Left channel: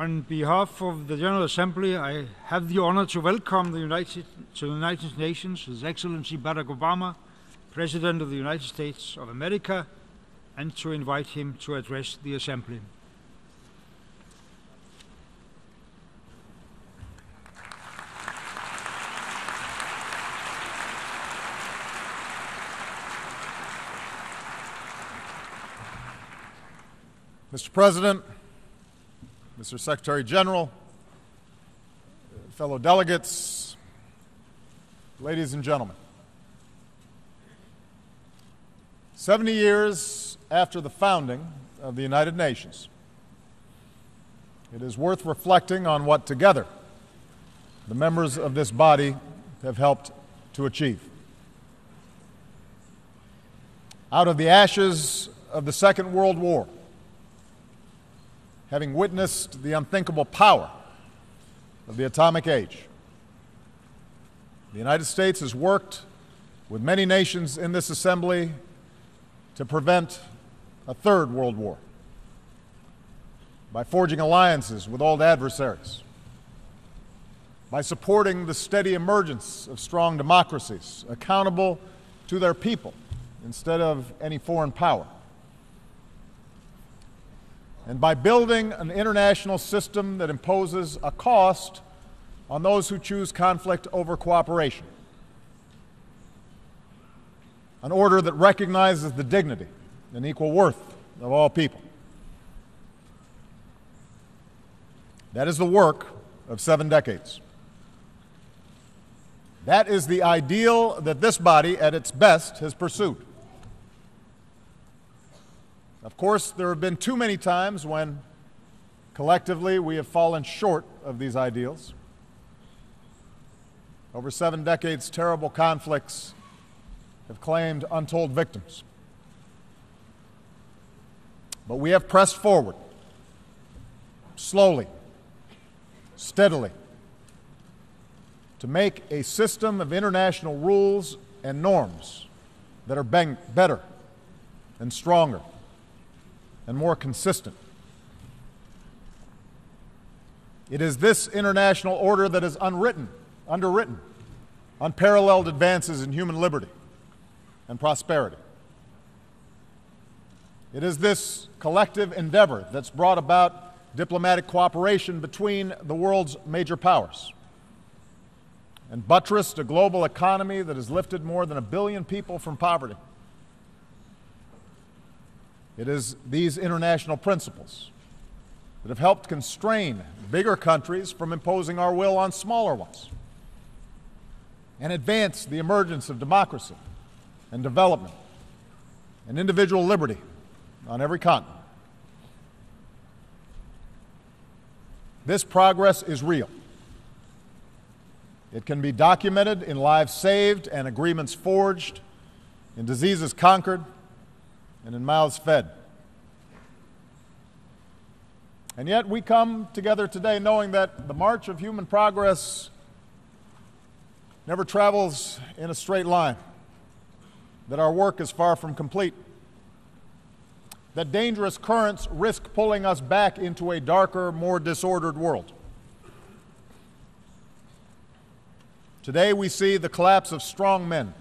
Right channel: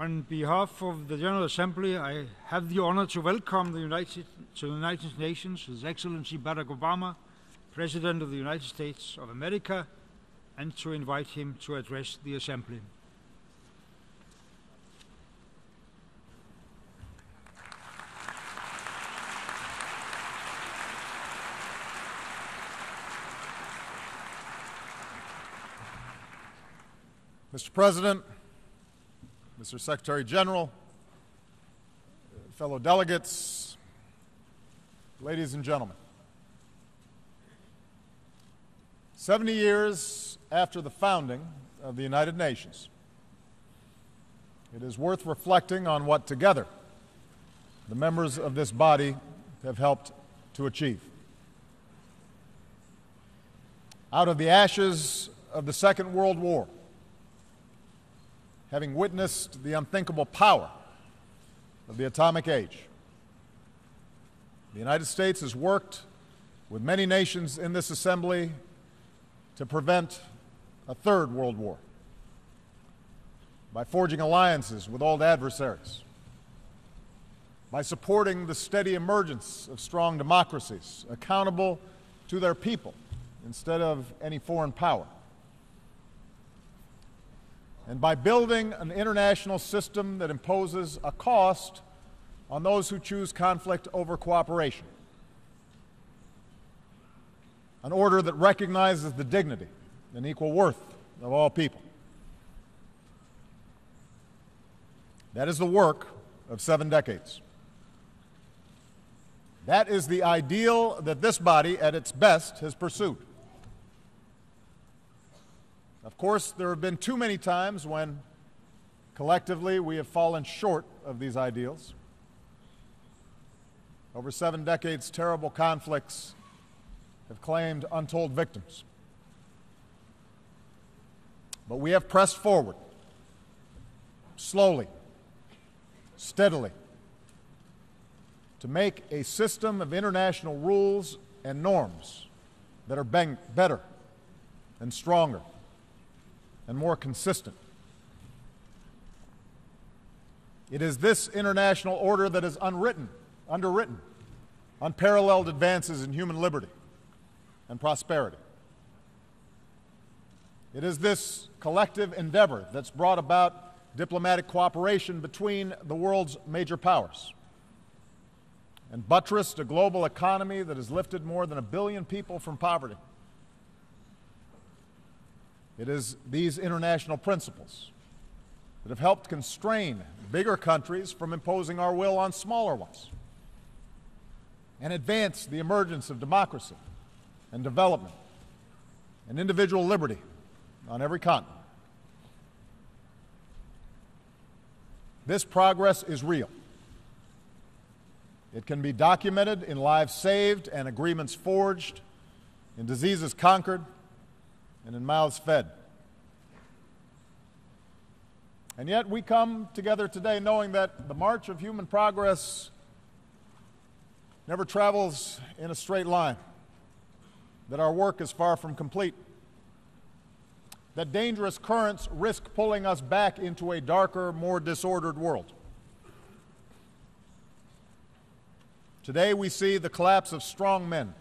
On behalf of the General Assembly, I have the honor to welcome the United Nations His Excellency Barack Obama, President of the United States of America, and to invite him to address the Assembly. Mr. President, Mr. Secretary General, fellow delegates, ladies and gentlemen. 70 years after the founding of the United Nations, it is worth reflecting on what together the members of this body have helped to achieve. Out of the ashes of the Second World War, having witnessed the unthinkable power of the atomic age, the United States has worked with many nations in this assembly to prevent a third world war by forging alliances with old adversaries, by supporting the steady emergence of strong democracies accountable to their people instead of any foreign power, and by building an international system that imposes a cost on those who choose conflict over cooperation, an order that recognizes the dignity and equal worth of all people. That is the work of 7 decades. That is the ideal that this body, at its best, has pursued. Of course, there have been too many times when, collectively, we have fallen short of these ideals. Over 7 decades, terrible conflicts have claimed untold victims. But we have pressed forward, slowly, steadily, to make a system of international rules and norms that are better and stronger and more consistent. It is this international order that has underwritten unparalleled advances in human liberty and prosperity. It is this collective endeavor that's brought about diplomatic cooperation between the world's major powers and buttressed a global economy that has lifted more than 1 billion people from poverty. It is these international principles that have helped constrain bigger countries from imposing our will on smaller ones and advance the emergence of democracy and development and individual liberty on every continent. This progress is real. It can be documented in lives saved and agreements forged, in diseases conquered, and in mouths fed. And yet we come together today knowing that the march of human progress never travels in a straight line, that our work is far from complete, that dangerous currents risk pulling us back into a darker, more disordered world. Today we see the collapse of strong men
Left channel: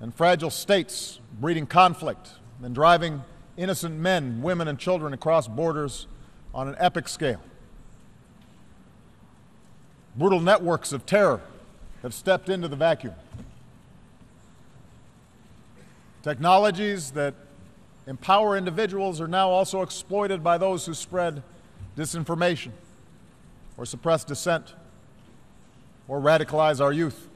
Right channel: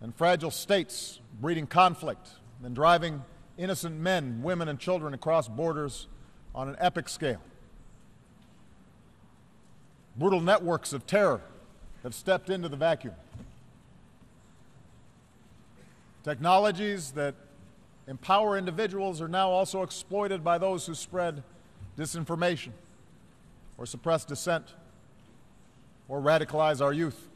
and fragile states breeding conflict and driving innocent men, women, and children across borders on an epic scale. Brutal networks of terror have stepped into the vacuum. Technologies that empower individuals are now also exploited by those who spread disinformation or suppress dissent or radicalize our youth.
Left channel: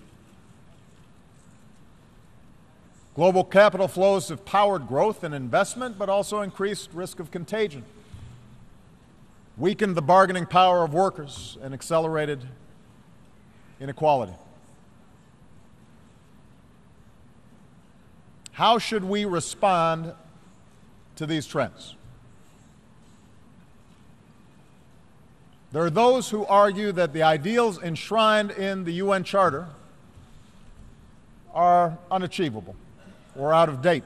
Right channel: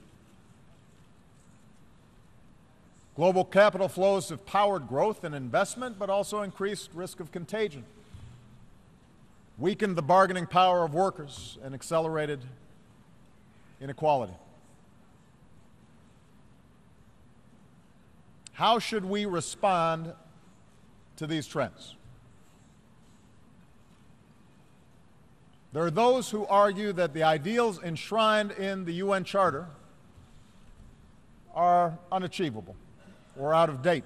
Global capital flows have powered growth and investment, but also increased risk of contagion, weakened the bargaining power of workers, and accelerated inequality. How should we respond to these trends? There are those who argue that the ideals enshrined in the UN Charter are unachievable or out of date,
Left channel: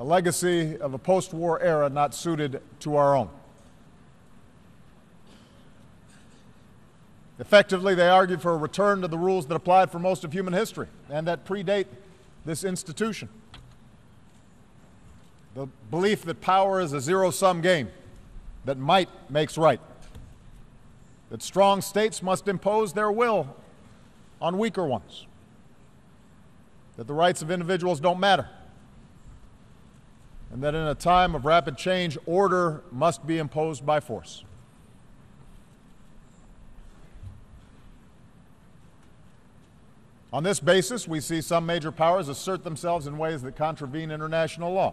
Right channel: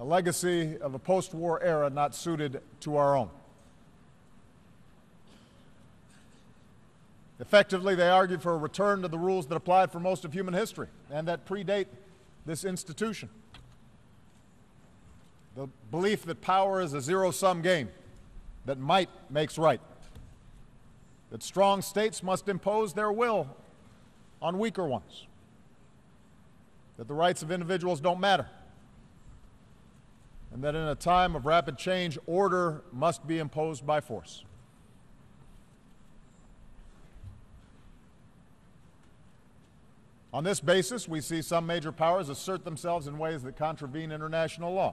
a legacy of a post-war era not suited to our own. Effectively, they argue for a return to the rules that applied for most of human history and that predate this institution. The belief that power is a zero-sum game, that might makes right, that strong states must impose their will on weaker ones, that the rights of individuals don't matter, and that in a time of rapid change, order must be imposed by force. On this basis, we see some major powers assert themselves in ways that contravene international law.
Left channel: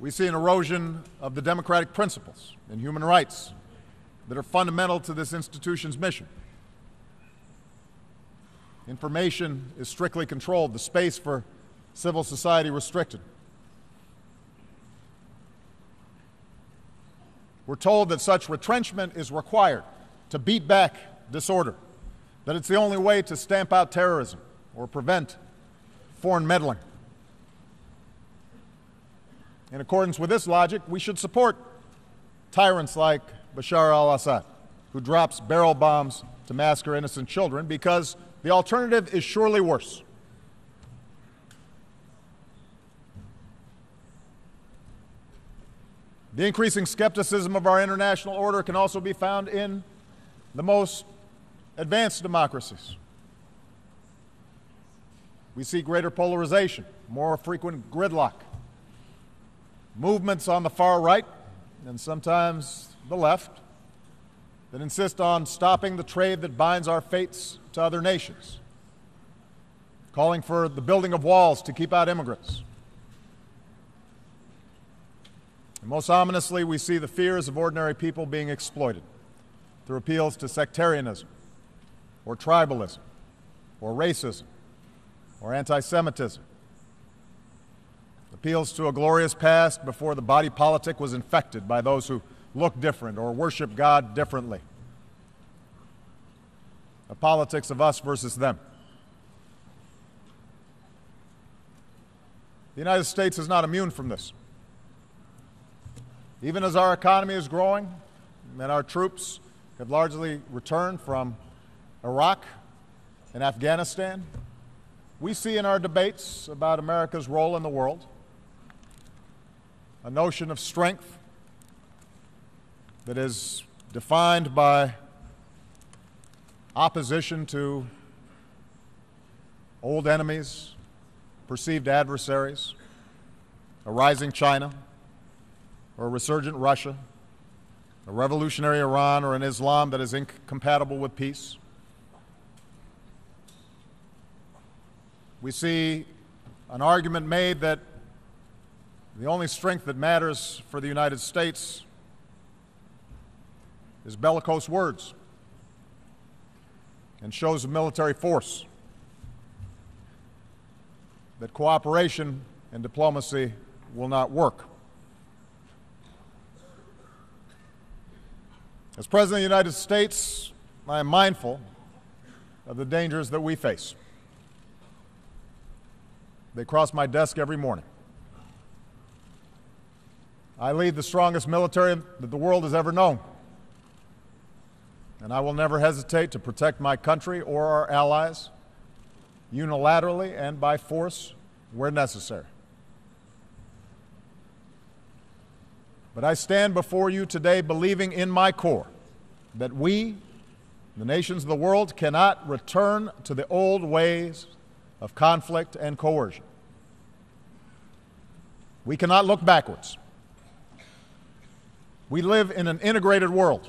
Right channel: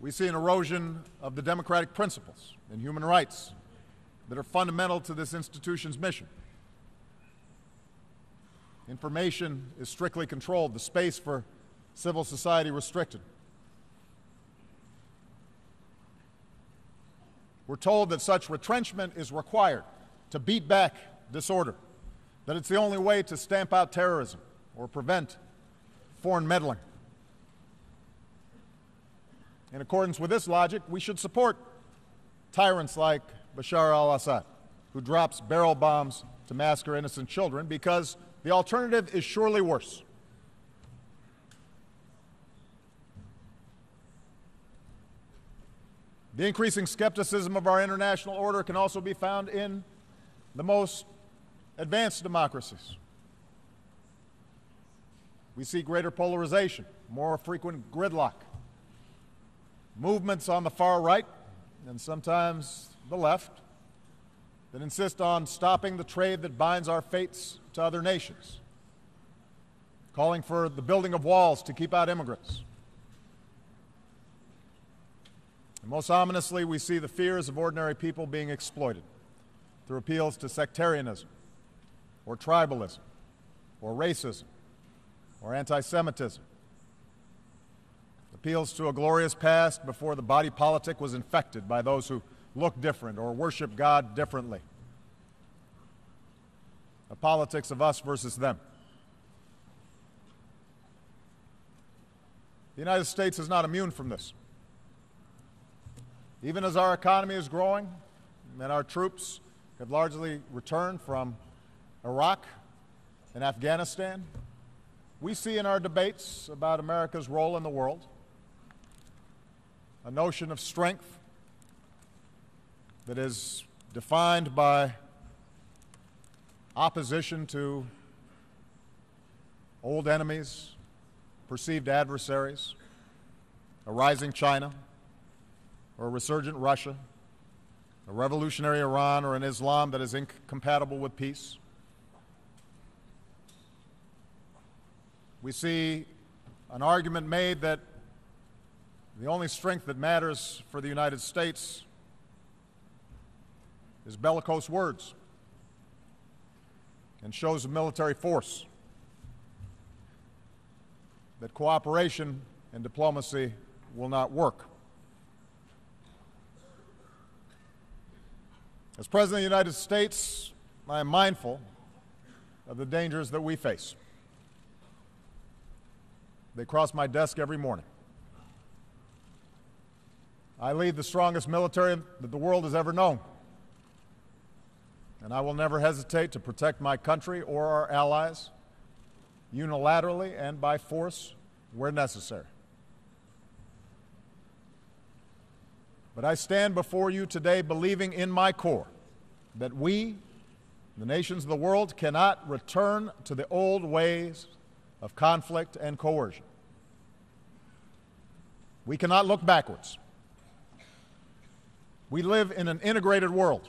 We see an erosion of the democratic principles and human rights that are fundamental to this institution's mission. Information is strictly controlled, the space for civil society restricted. We're told that such retrenchment is required to beat back disorder, that it's the only way to stamp out terrorism or prevent foreign meddling. In accordance with this logic, we should support tyrants like Bashar al-Assad, who drops barrel bombs to massacre innocent children, because the alternative is surely worse. The increasing skepticism of our international order can also be found in the most advanced democracies. We see greater polarization, more frequent gridlock, movements on the far right and sometimes the left that insist on stopping the trade that binds our fates to other nations, calling for the building of walls to keep out immigrants. And most ominously, we see the fears of ordinary people being exploited through appeals to sectarianism, or tribalism, or racism, or anti-Semitism. Appeals to a glorious past before the body politic was infected by those who look different or worship God differently. A politics of us versus them. The United States is not immune from this. Even as our economy is growing and our troops have largely returned from Iraq and Afghanistan, we see in our debates about America's role in the world a notion of strength that is defined by opposition to old enemies, perceived adversaries, a rising China, or a resurgent Russia, a revolutionary Iran, or an Islam that is incompatible with peace. We see an argument made that the only strength that matters for the United States is bellicose words and shows of military force, that cooperation and diplomacy will not work. As President of the United States, I am mindful of the dangers that we face. They cross my desk every morning. I lead the strongest military that the world has ever known, and I will never hesitate to protect my country or our allies unilaterally and by force where necessary. But I stand before you today believing in my core that we, the nations of the world, cannot return to the old ways of conflict and coercion. We cannot look backwards. We live in an integrated world,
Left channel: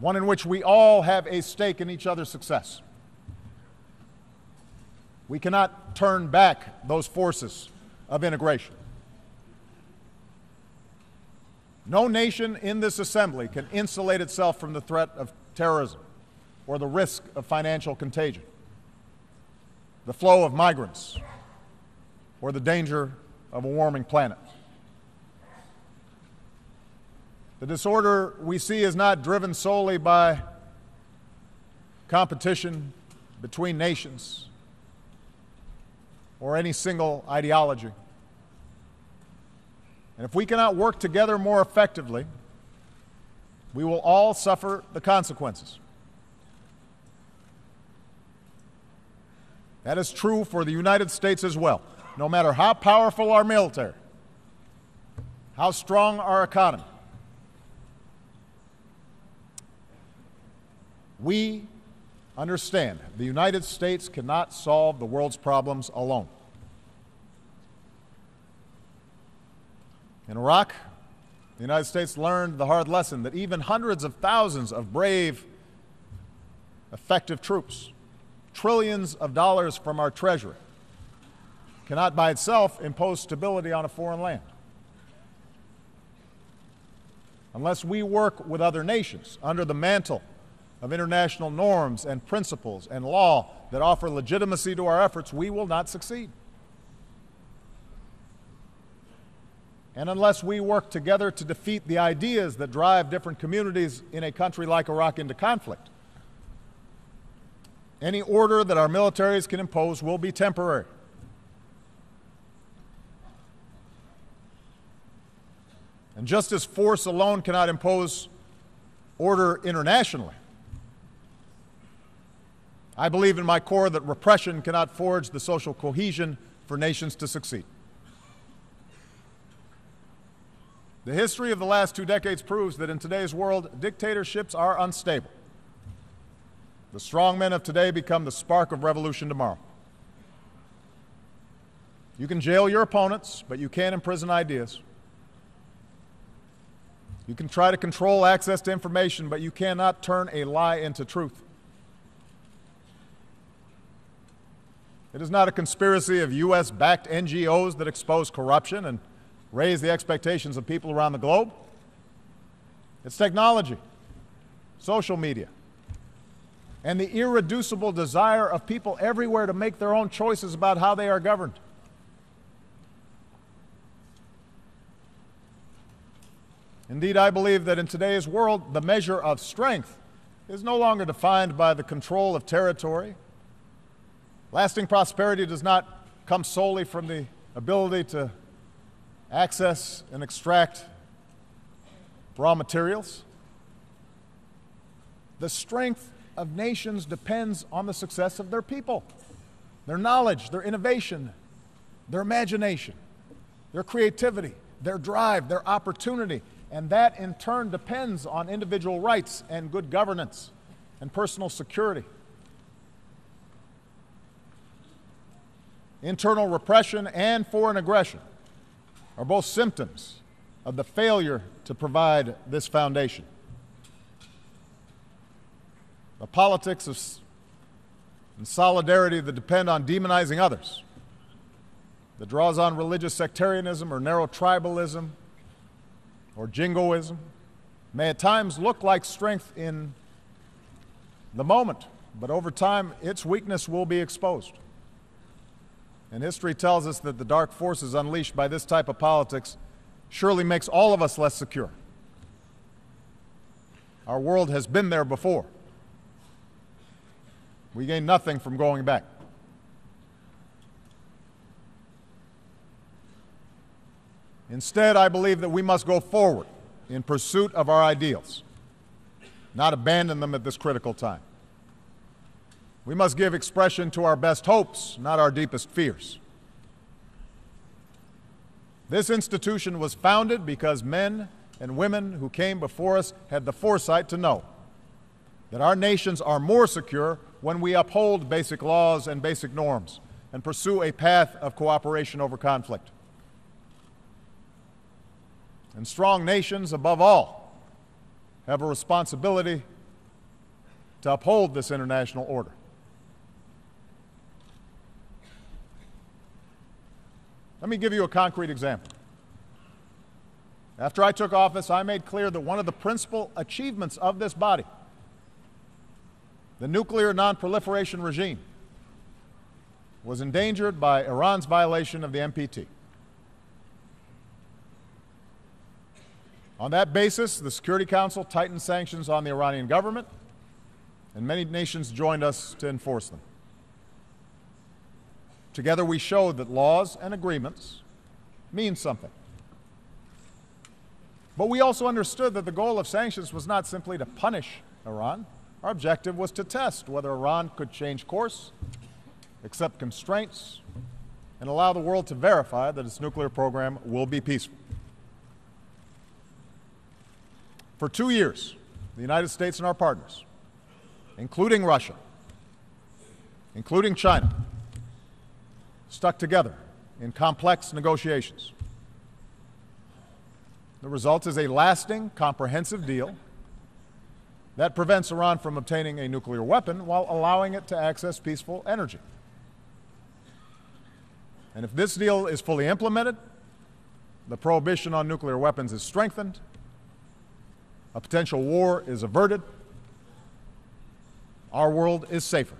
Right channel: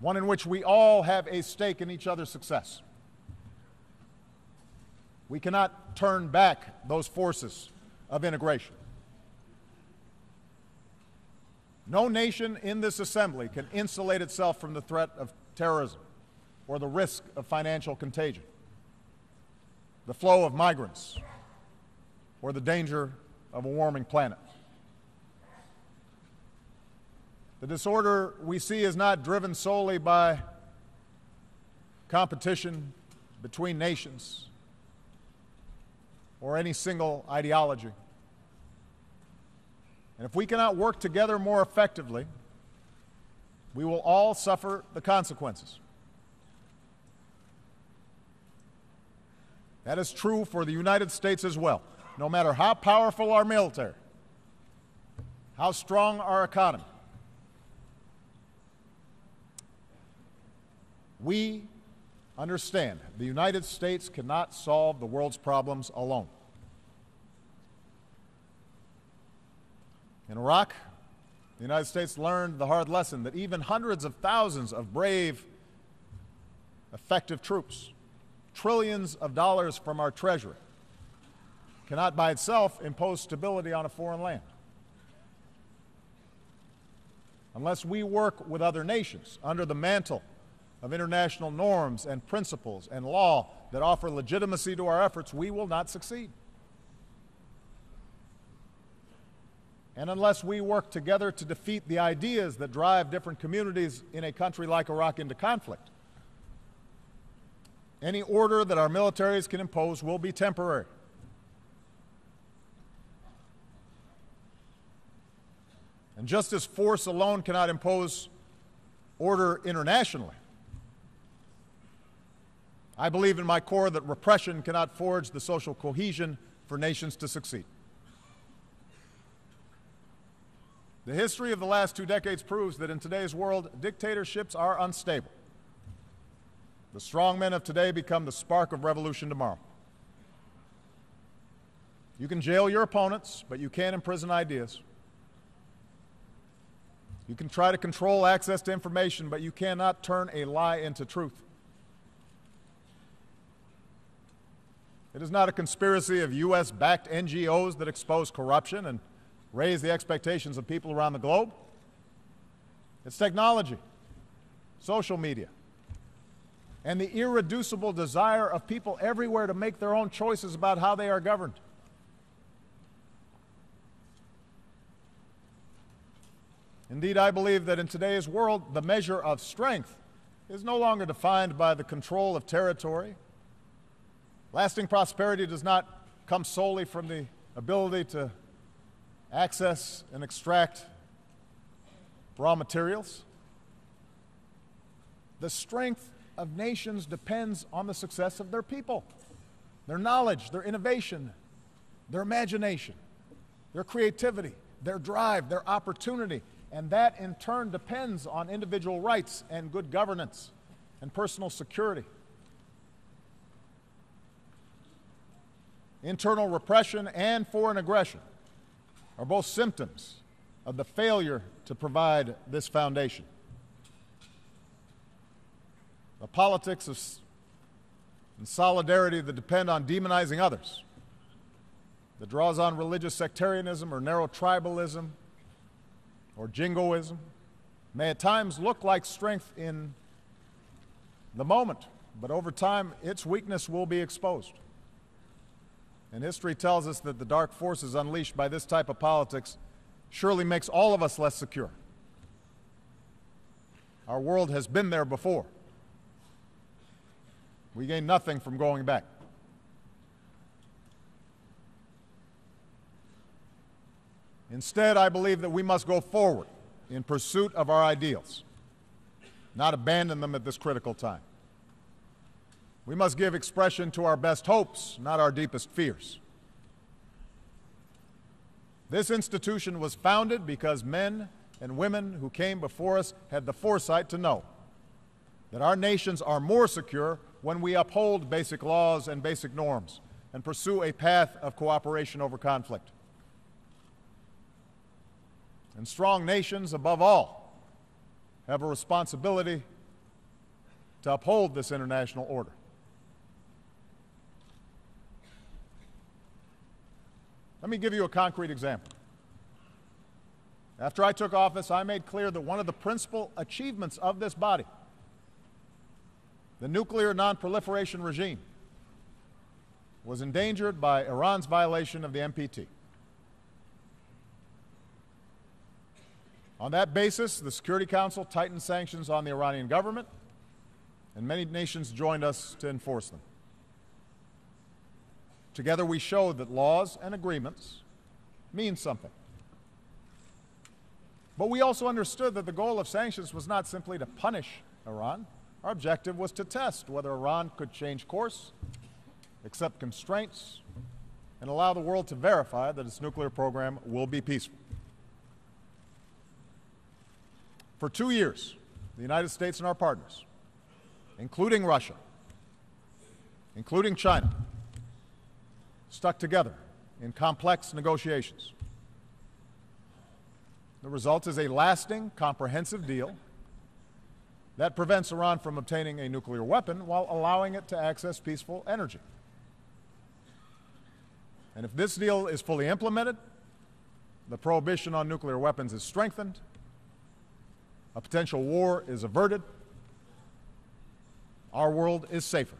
one in which we all have a stake in each other's success. We cannot turn back those forces of integration. No nation in this assembly can insulate itself from the threat of terrorism or the risk of financial contagion, the flow of migrants, or the danger of a warming planet. The disorder we see is not driven solely by competition between nations or any single ideology. And if we cannot work together more effectively we will all suffer the consequences. That is true for the United States as well. No matter how powerful our military, how strong our economy, we understand the United States cannot solve the world's problems alone. In Iraq, the United States learned the hard lesson that even hundreds of thousands of brave, effective troops, trillions of dollars from our treasury, cannot by itself impose stability on a foreign land. Unless we work with other nations under the mantle of international norms and principles and law that offer legitimacy to our efforts, we will not succeed. And unless we work together to defeat the ideas that drive different communities in a country like Iraq into conflict, any order that our militaries can impose will be temporary. And just as force alone cannot impose order internationally, I believe in my core that repression cannot forge the social cohesion for nations to succeed. The history of the last 2 decades proves that in today's world, dictatorships are unstable. The strong men of today become the spark of revolution tomorrow. You can jail your opponents, but you can't imprison ideas. You can try to control access to information, but you cannot turn a lie into truth. It is not a conspiracy of U.S.-backed NGOs that expose corruption and raise the expectations of people around the globe. It's technology, social media, and the irreducible desire of people everywhere to make their own choices about how they are governed. Indeed, I believe that in today's world, the measure of strength is no longer defined by the control of territory. Lasting prosperity does not come solely from the ability to access and extract raw materials. The strength of nations depends on the success of their people, their knowledge, their innovation, their imagination, their creativity, their drive, their opportunity, and that in turn depends on individual rights and good governance and personal security. Internal repression and foreign aggression are both symptoms of the failure to provide this foundation. The politics of solidarity that depend on demonizing others, that draws on religious sectarianism or narrow tribalism or jingoism, may at times look like strength in the moment, but over time its weakness will be exposed. And history tells us that the dark forces unleashed by this type of politics surely makes all of us less secure. Our world has been there before. We gain nothing from going back. Instead, I believe that we must go forward in pursuit of our ideals, not abandon them at this critical time. We must give expression to our best hopes, not our deepest fears. This institution was founded because men and women who came before us had the foresight to know that our nations are more secure when we uphold basic laws and basic norms and pursue a path of cooperation over conflict. And strong nations, above all, have a responsibility to uphold this international order. Let me give you a concrete example. After I took office, I made clear that one of the principal achievements of this body, the nuclear non-proliferation regime, was endangered by Iran's violation of the NPT. On that basis, the Security Council tightened sanctions on the Iranian government, and many nations joined us to enforce them. Together we showed that laws and agreements mean something. But we also understood that the goal of sanctions was not simply to punish Iran. Our objective was to test whether Iran could change course, accept constraints, and allow the world to verify that its nuclear program will be peaceful. For 2 years, the United States and our partners, including Russia, including China, stuck together in complex negotiations. The result is a lasting, comprehensive deal that prevents Iran from obtaining a nuclear weapon while allowing it to access peaceful energy. And if this deal is fully implemented, the prohibition on nuclear weapons is strengthened, a potential war is averted, our world is safer.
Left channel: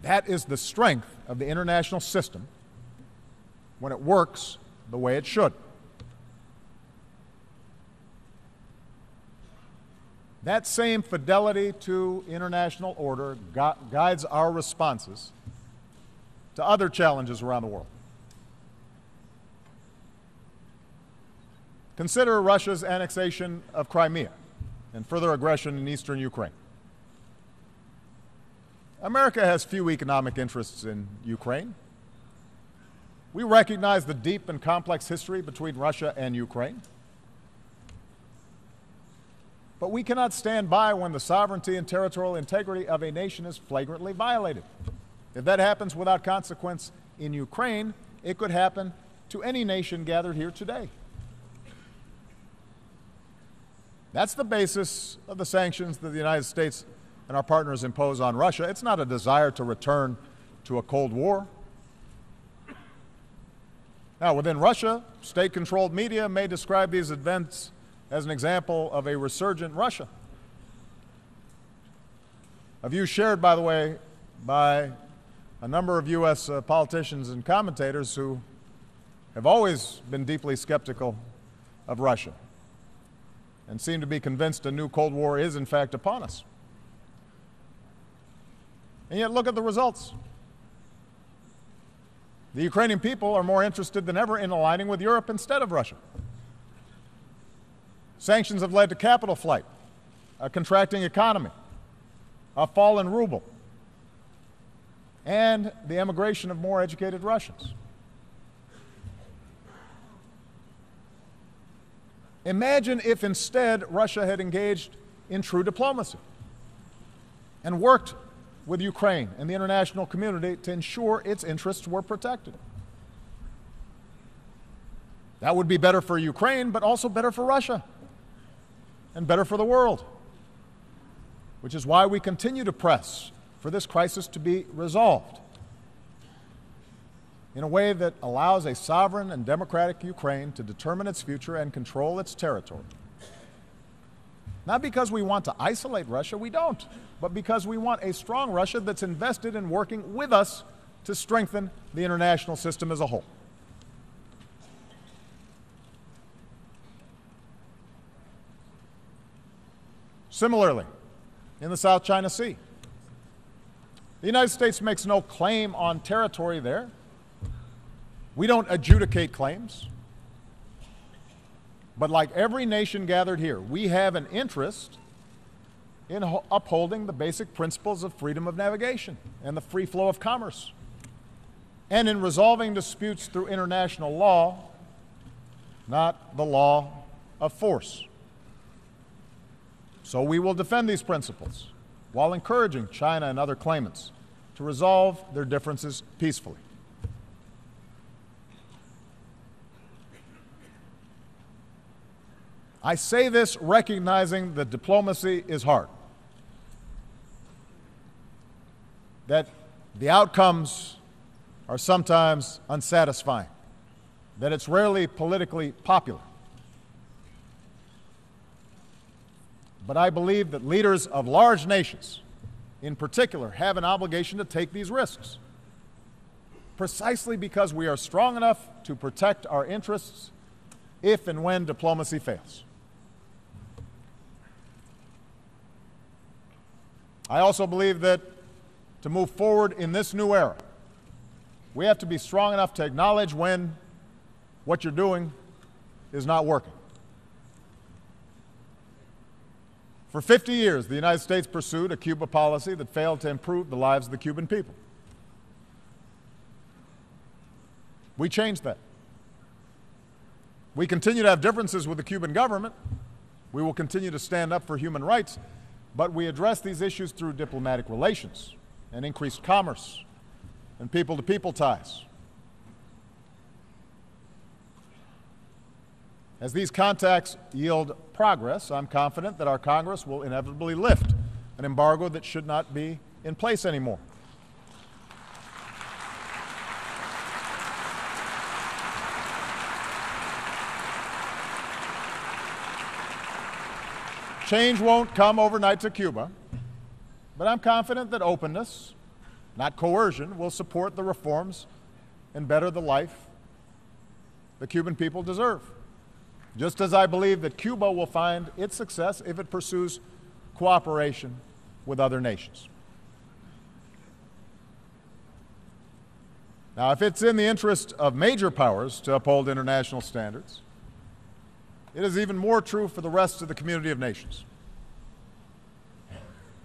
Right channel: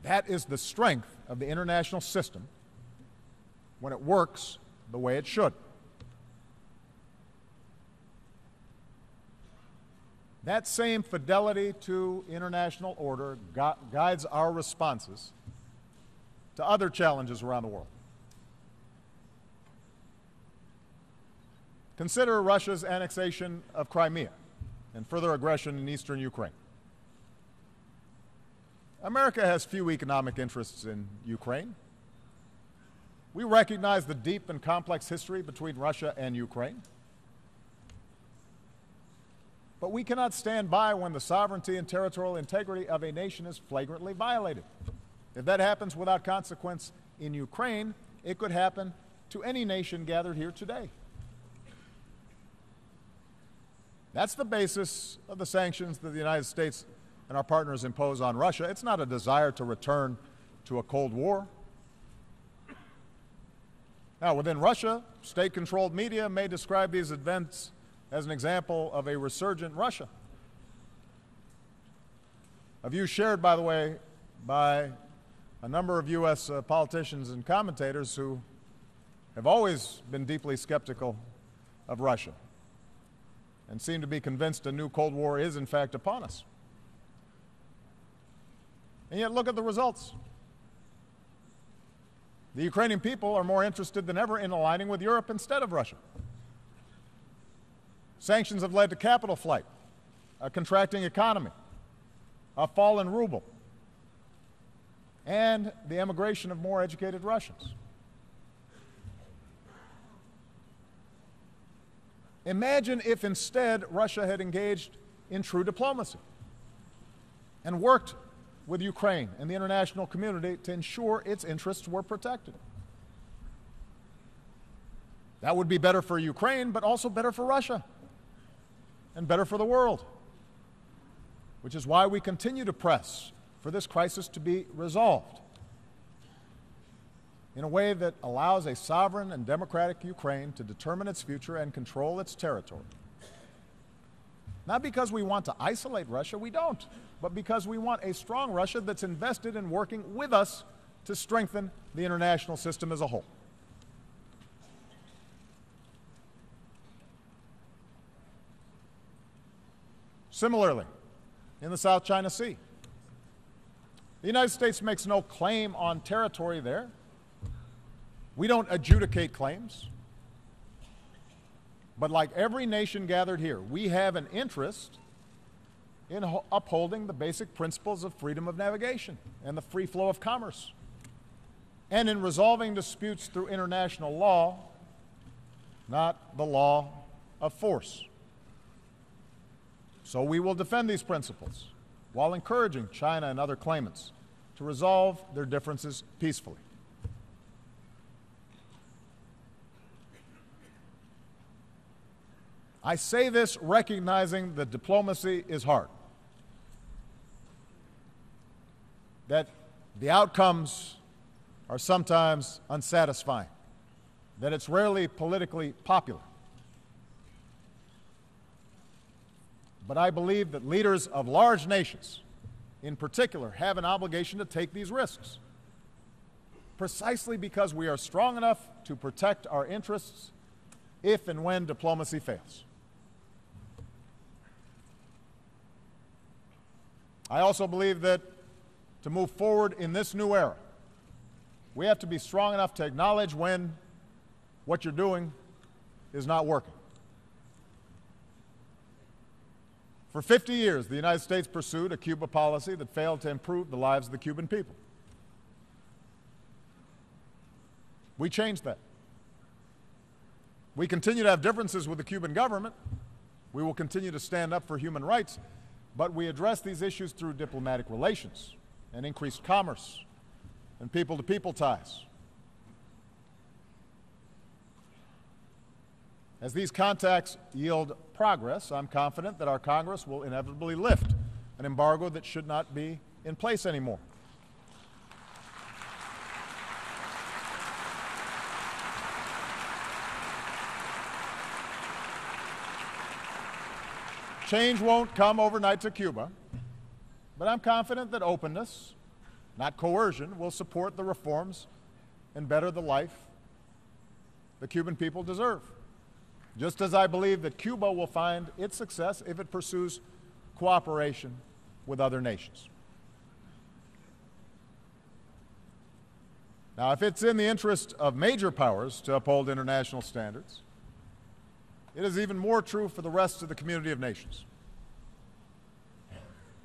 That is the strength of the international system when it works the way it should. That same fidelity to international order guides our responses to other challenges around the world. Consider Russia's annexation of Crimea and further aggression in eastern Ukraine. America has few economic interests in Ukraine. We recognize the deep and complex history between Russia and Ukraine. But we cannot stand by when the sovereignty and territorial integrity of a nation is flagrantly violated. If that happens without consequence in Ukraine, it could happen to any nation gathered here today. That's the basis of the sanctions that the United States and our partners impose on Russia. It's not a desire to return to a Cold War. Now, within Russia, state-controlled media may describe these events as an example of a resurgent Russia. A view shared, by the way, by a number of U.S. politicians and commentators who have always been deeply skeptical of Russia and seem to be convinced a new Cold War is, in fact, upon us. And yet, look at the results. The Ukrainian people are more interested than ever in aligning with Europe instead of Russia. Sanctions have led to capital flight, a contracting economy, a fall in ruble, and the emigration of more educated Russians. Imagine if instead Russia had engaged in true diplomacy and worked with Ukraine and the international community to ensure its interests were protected. That would be better for Ukraine, but also better for Russia and better for the world, which is why we continue to press for this crisis to be resolved in a way that allows a sovereign and democratic Ukraine to determine its future and control its territory. Not because we want to isolate Russia, we don't, but because we want a strong Russia that's invested in working with us to strengthen the international system as a whole. Similarly, in the South China Sea, the United States makes no claim on territory there. We don't adjudicate claims. But like every nation gathered here, we have an interest in upholding the basic principles of freedom of navigation and the free flow of commerce, and in resolving disputes through international law, not the law of force. So we will defend these principles while encouraging China and other claimants to resolve their differences peacefully. I say this recognizing that diplomacy is hard, that the outcomes are sometimes unsatisfying, that it's rarely politically popular. But I believe that leaders of large nations, in particular, have an obligation to take these risks, precisely because we are strong enough to protect our interests if and when diplomacy fails. I also believe that to move forward in this new era, we have to be strong enough to acknowledge when what you're doing is not working. For 50 years, the United States pursued a Cuba policy that failed to improve the lives of the Cuban people. We changed that. We continue to have differences with the Cuban government. We will continue to stand up for human rights, but we address these issues through diplomatic relations and increased commerce and people-to-people ties. As these contacts yield progress, I'm confident that our Congress will inevitably lift an embargo that should not be in place anymore. Change won't come overnight to Cuba, but I'm confident that openness, not coercion, will support the reforms and better the life the Cuban people deserve. Just as I believe that Cuba will find its success if it pursues cooperation with other nations. Now, if it's in the interest of major powers to uphold international standards, it is even more true for the rest of the community of nations.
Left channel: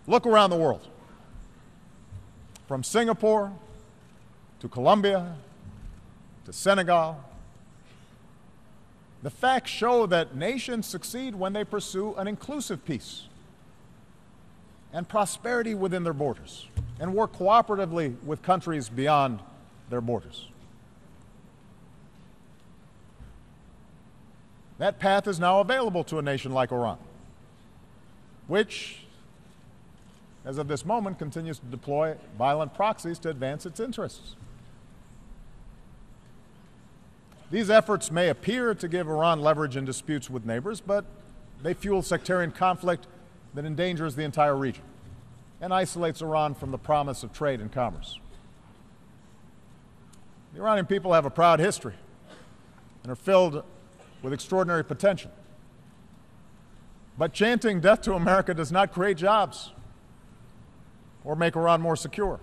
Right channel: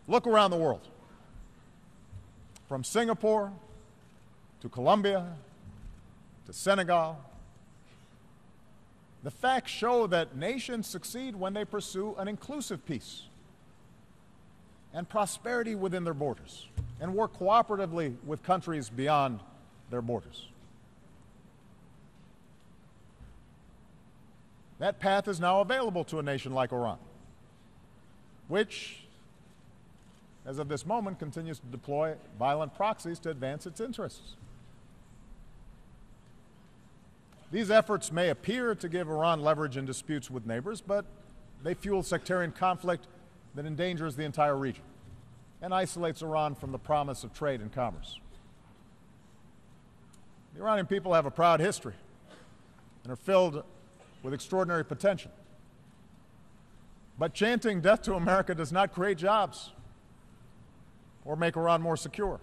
Look around the world. From Singapore to Colombia to Senegal, the facts show that nations succeed when they pursue an inclusive peace and prosperity within their borders and work cooperatively with countries beyond their borders. That path is now available to a nation like Iran, which, as of this moment, continues to deploy violent proxies to advance its interests. These efforts may appear to give Iran leverage in disputes with neighbors, but they fuel sectarian conflict that endangers the entire region and isolates Iran from the promise of trade and commerce. The Iranian people have a proud history and are filled with extraordinary potential. But chanting death to America does not create jobs or make Iran more secure.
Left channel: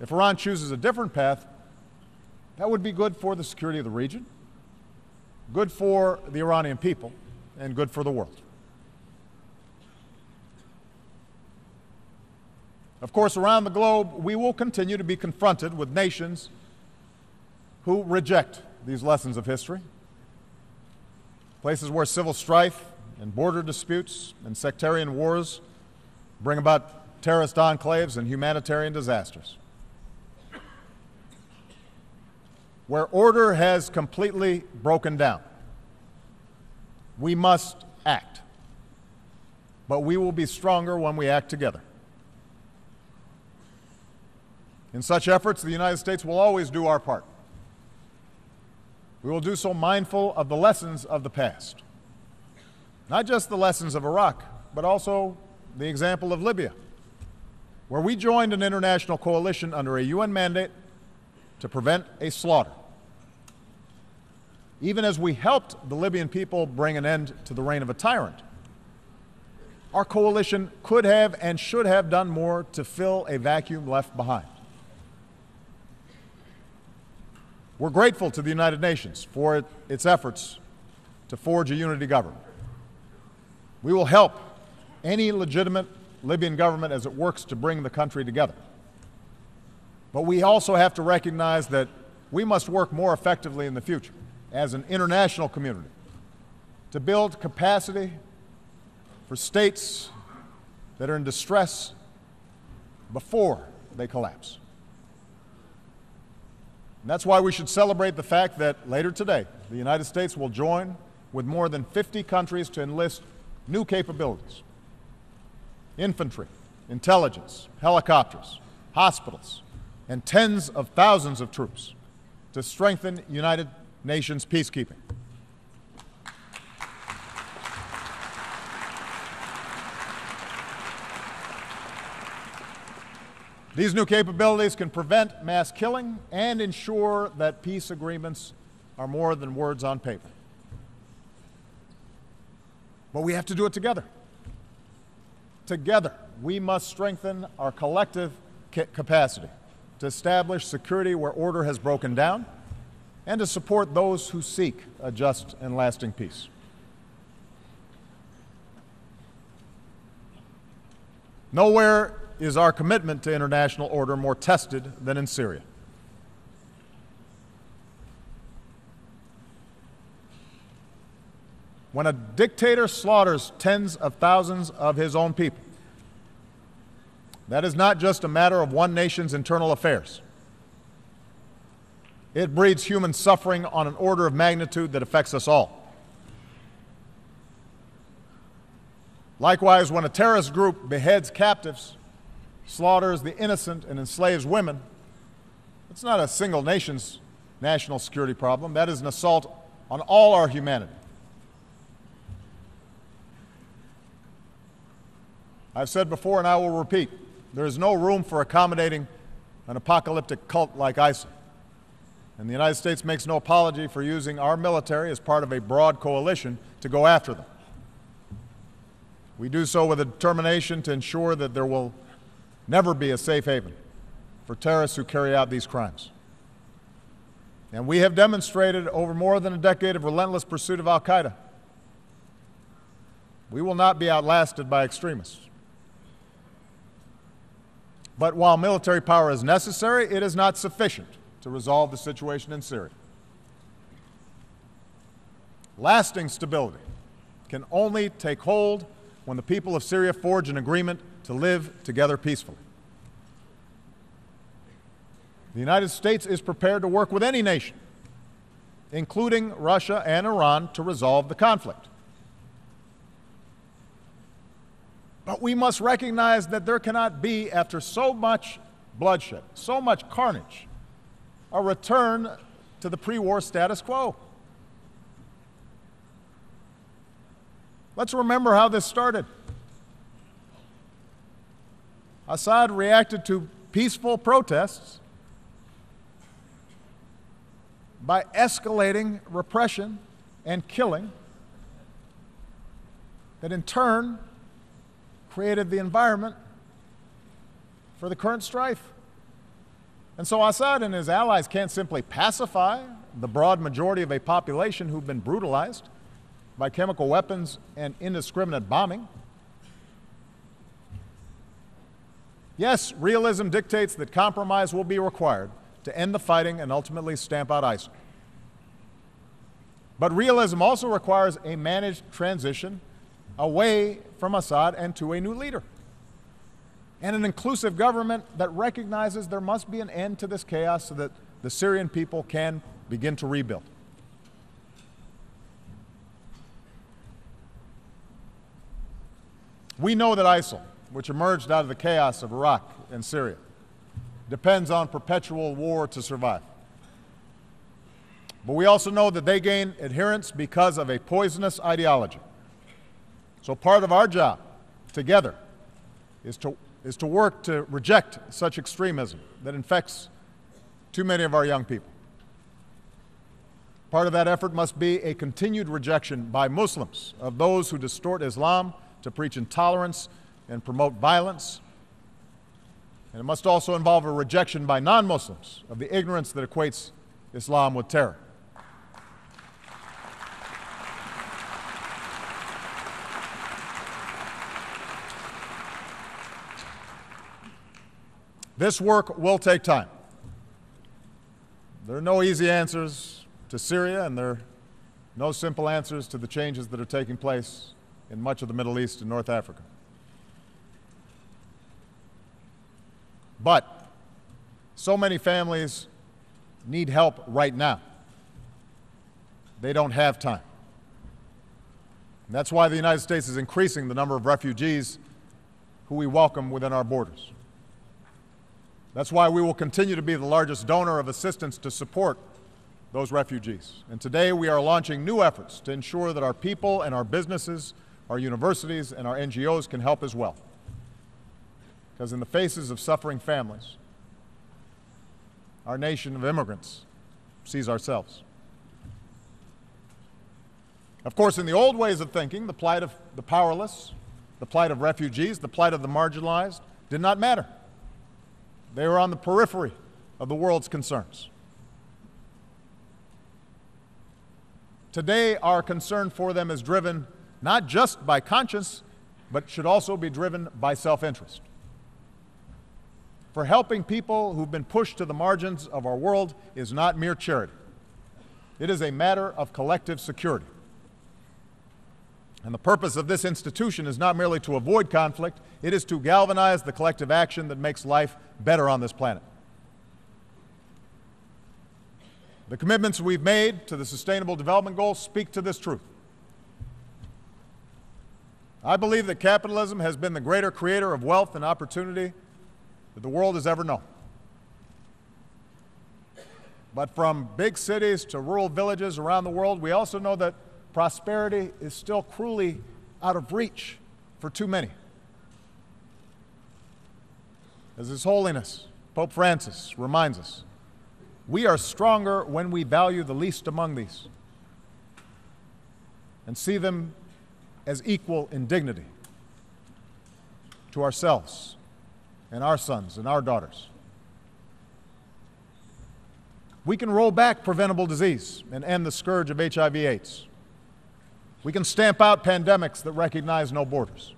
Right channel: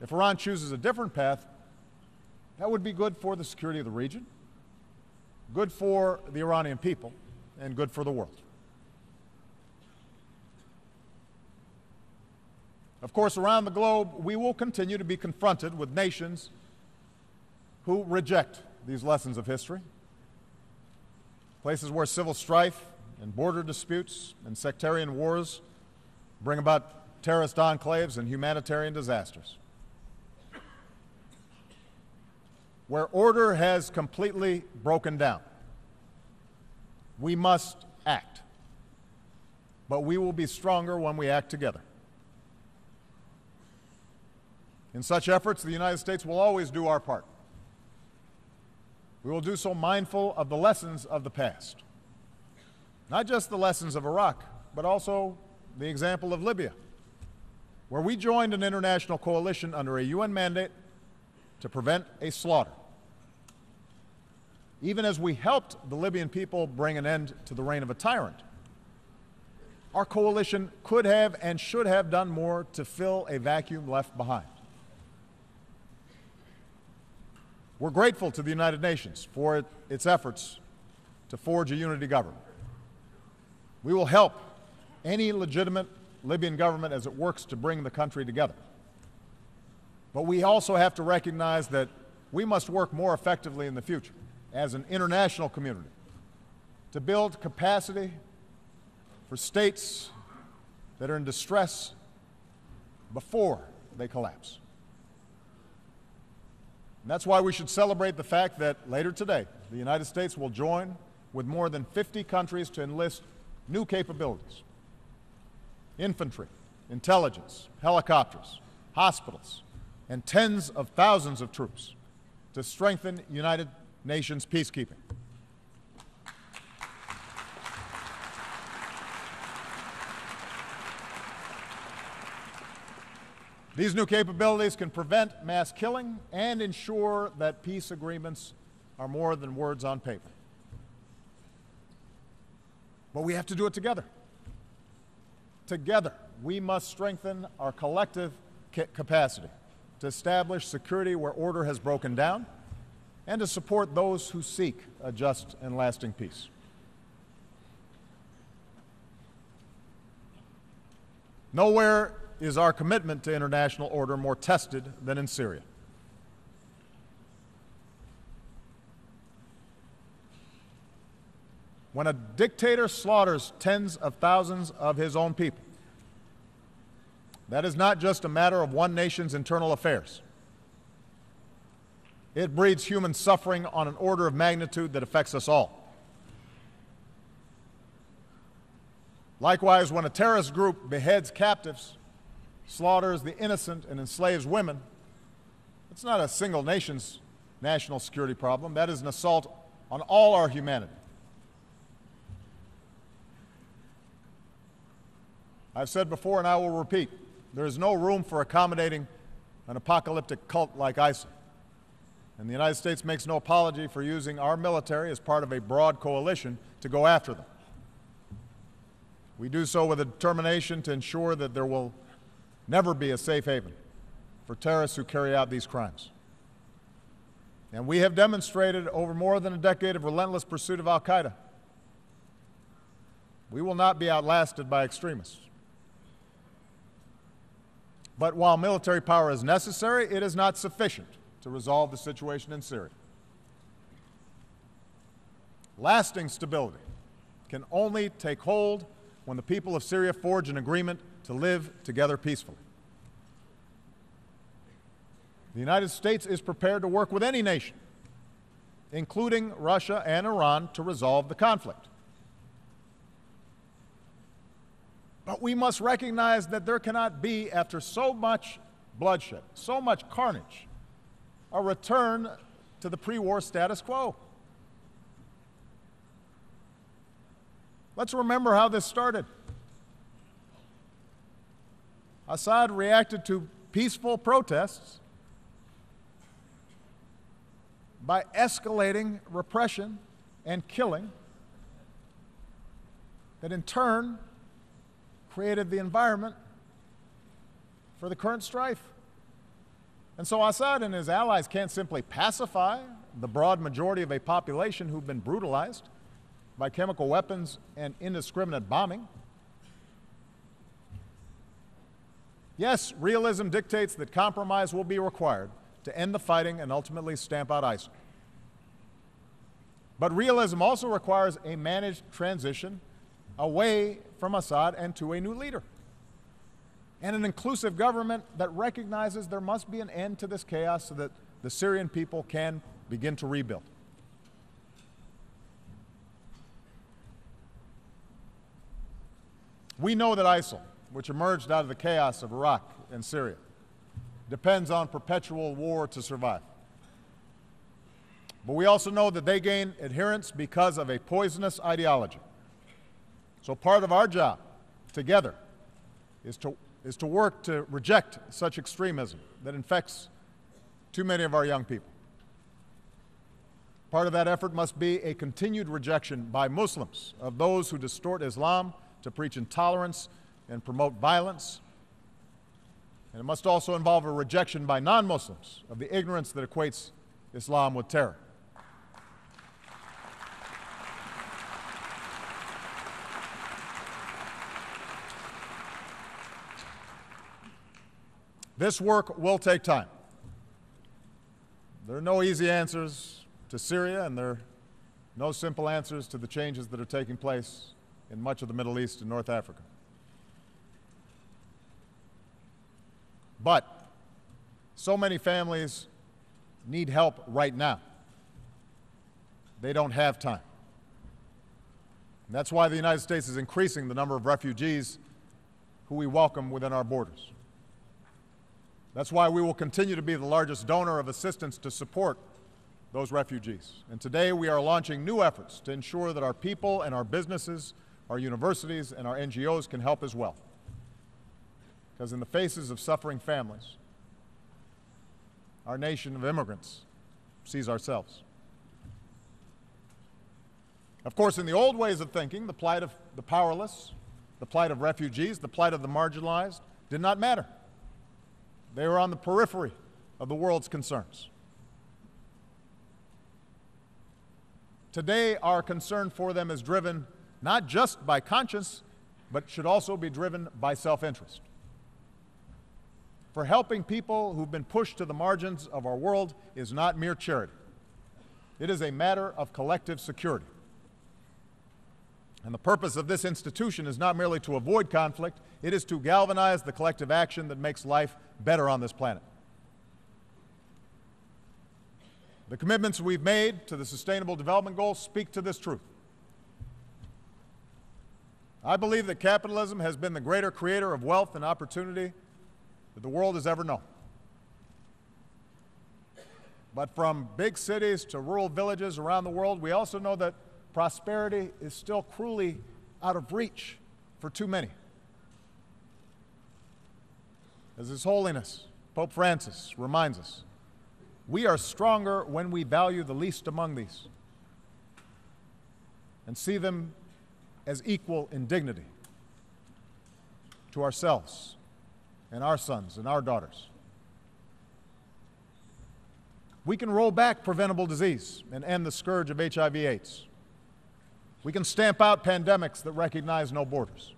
If Iran chooses a different path, that would be good for the security of the region, good for the Iranian people, and good for the world. Of course, around the globe, we will continue to be confronted with nations who reject these lessons of history, places where civil strife and border disputes and sectarian wars bring about terrorist enclaves and humanitarian disasters, where order has completely broken down. We must act, but we will be stronger when we act together. In such efforts, the United States will always do our part. We will do so mindful of the lessons of the past, not just the lessons of Iraq, but also the example of Libya, where we joined an international coalition under a UN mandate to prevent a slaughter. Even as we helped the Libyan people bring an end to the reign of a tyrant, our coalition could have and should have done more to fill a vacuum left behind. We're grateful to the United Nations for its efforts to forge a unity government. We will help any legitimate Libyan government as it works to bring the country together. But we also have to recognize that we must work more effectively in the future as an international community to build capacity for states that are in distress before they collapse. And that's why we should celebrate the fact that later today, the United States will join with more than 50 countries to enlist new capabilities: infantry, intelligence, helicopters, hospitals, and tens of thousands of troops to strengthen United Nations peacekeeping. These new capabilities can prevent mass killing and ensure that peace agreements are more than words on paper. But we have to do it together. Together, we must strengthen our collective capacity to establish security where order has broken down and to support those who seek a just and lasting peace. Nowhere is our commitment to international order more tested than in Syria. When a dictator slaughters tens of thousands of his own people, that is not just a matter of one nation's internal affairs. It breeds human suffering on an order of magnitude that affects us all. Likewise, when a terrorist group beheads captives, slaughters the innocent, and enslaves women, it's not a single nation's national security problem. That is an assault on all our humanity. I've said before, and I will repeat, there is no room for accommodating an apocalyptic cult like ISIL. And the United States makes no apology for using our military as part of a broad coalition to go after them. We do so with a determination to ensure that there will never be a safe haven for terrorists who carry out these crimes. And we have demonstrated over more than a decade of relentless pursuit of al-Qaeda. We will not be outlasted by extremists. But while military power is necessary, it is not sufficient to resolve the situation in Syria. Lasting stability can only take hold when the people of Syria forge an agreement to live together peacefully. The United States is prepared to work with any nation, including Russia and Iran, to resolve the conflict. But we must recognize that there cannot be, after so much bloodshed, so much carnage, a return to the pre-war status quo. Let's remember how this started. Assad reacted to peaceful protests by escalating repression and killing that in turn created the environment for the current strife. And so Assad and his allies can't simply pacify the broad majority of a population who've been brutalized by chemical weapons and indiscriminate bombing. Yes, realism dictates that compromise will be required to end the fighting and ultimately stamp out ISIL. But realism also requires a managed transition away from Assad and to a new leader, and an inclusive government that recognizes there must be an end to this chaos so that the Syrian people can begin to rebuild. We know that ISIL, which emerged out of the chaos of Iraq and Syria, depends on perpetual war to survive. But we also know that they gain adherents because of a poisonous ideology. So part of our job together is to work to reject such extremism that infects too many of our young people. Part of that effort must be a continued rejection by Muslims of those who distort Islam to preach intolerance and promote violence. And it must also involve a rejection by non-Muslims of the ignorance that equates Islam with terror. This work will take time. There are no easy answers to Syria, and there are no simple answers to the changes that are taking place in much of the Middle East and North Africa. But so many families need help right now. They don't have time. And that's why the United States is increasing the number of refugees who we welcome within our borders. That's why we will continue to be the largest donor of assistance to support those refugees. And today we are launching new efforts to ensure that our people and our businesses, our universities and our NGOs can help as well. Because in the faces of suffering families, our nation of immigrants sees ourselves. Of course, in the old ways of thinking, the plight of the powerless, the plight of refugees, the plight of the marginalized did not matter. They were on the periphery of the world's concerns. Today, our concern for them is driven not just by conscience, but should also be driven by self-interest. For helping people who've been pushed to the margins of our world is not mere charity. It is a matter of collective security. And the purpose of this institution is not merely to avoid conflict, it is to galvanize the collective action that makes life better on this planet. The commitments we've made to the Sustainable Development Goals speak to this truth. I believe that capitalism has been the greater creator of wealth and opportunity that the world has ever known. But from big cities to rural villages around the world, we also know that prosperity is still cruelly out of reach for too many. As His Holiness, Pope Francis, reminds us, we are stronger when we value the least among these and see them as equal in dignity to ourselves and our sons and our daughters. We can roll back preventable disease and end the scourge of HIV/AIDS. We can stamp out pandemics that recognize no borders.